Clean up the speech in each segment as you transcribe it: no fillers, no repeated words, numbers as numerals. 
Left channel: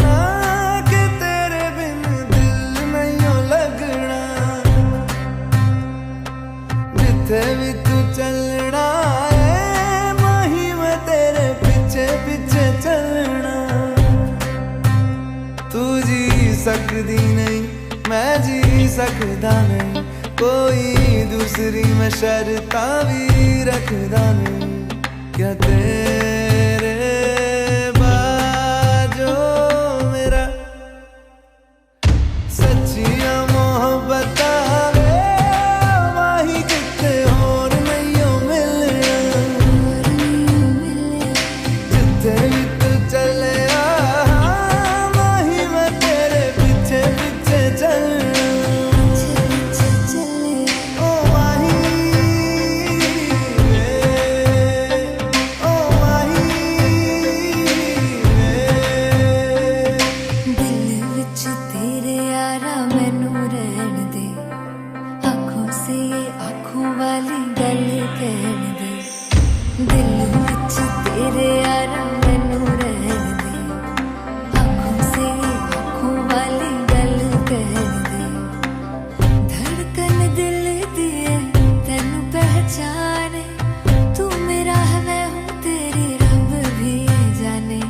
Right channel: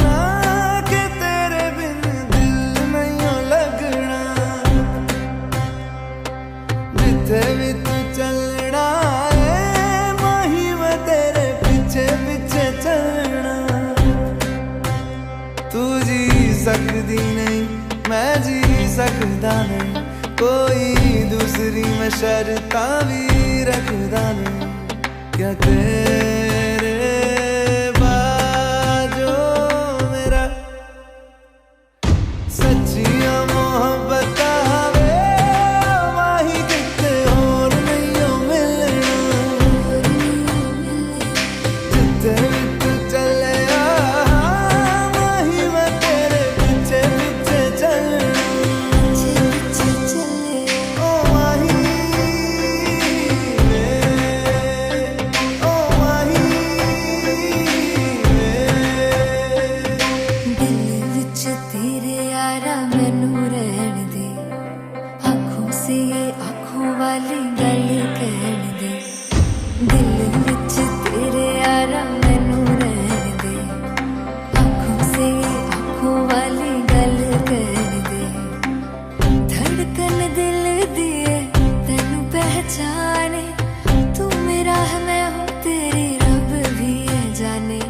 ना कि तेरे बिन दिल नहीं लगना। जिथे भी तू चलना है माही मैं तेरे पीछे पीछे चलना। तू जी सकदी नहीं मैं जी सकदा नहीं, कोई दूसरी मैं शर्तां भी रखदा नहीं। क्या तेरे बाजो मेरा सच्चियां मोहब्बत वे माही किते होर नहीं हो मिलना। जिथे भी तू चले माही मैं तेरे पीछे पीछे चलना।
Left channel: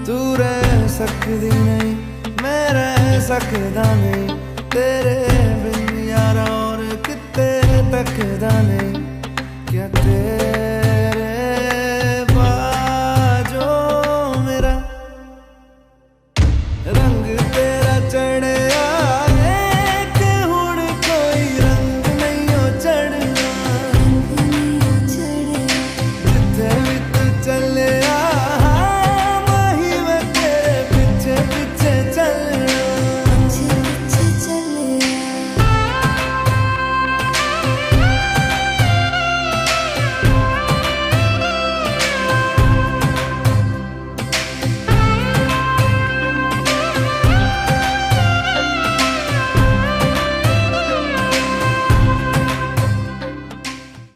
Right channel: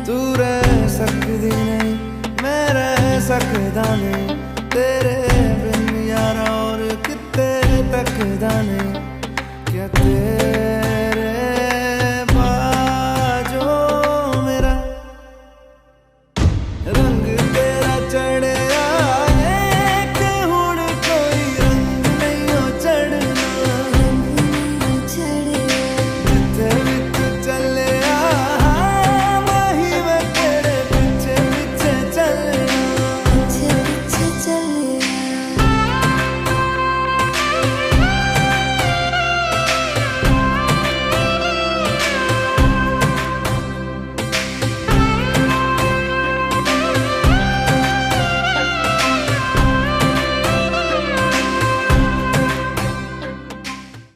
तू रह सकदी नहीं मैं रह सकदा नहीं, तेरे बिन यारा और किते तकदा नहीं। क्या तेरे बाजो मेरा रंग तेरा चढ़िया है कि हुण कोई रंग नहीं हो चढ़ना। जिथे भी तू चले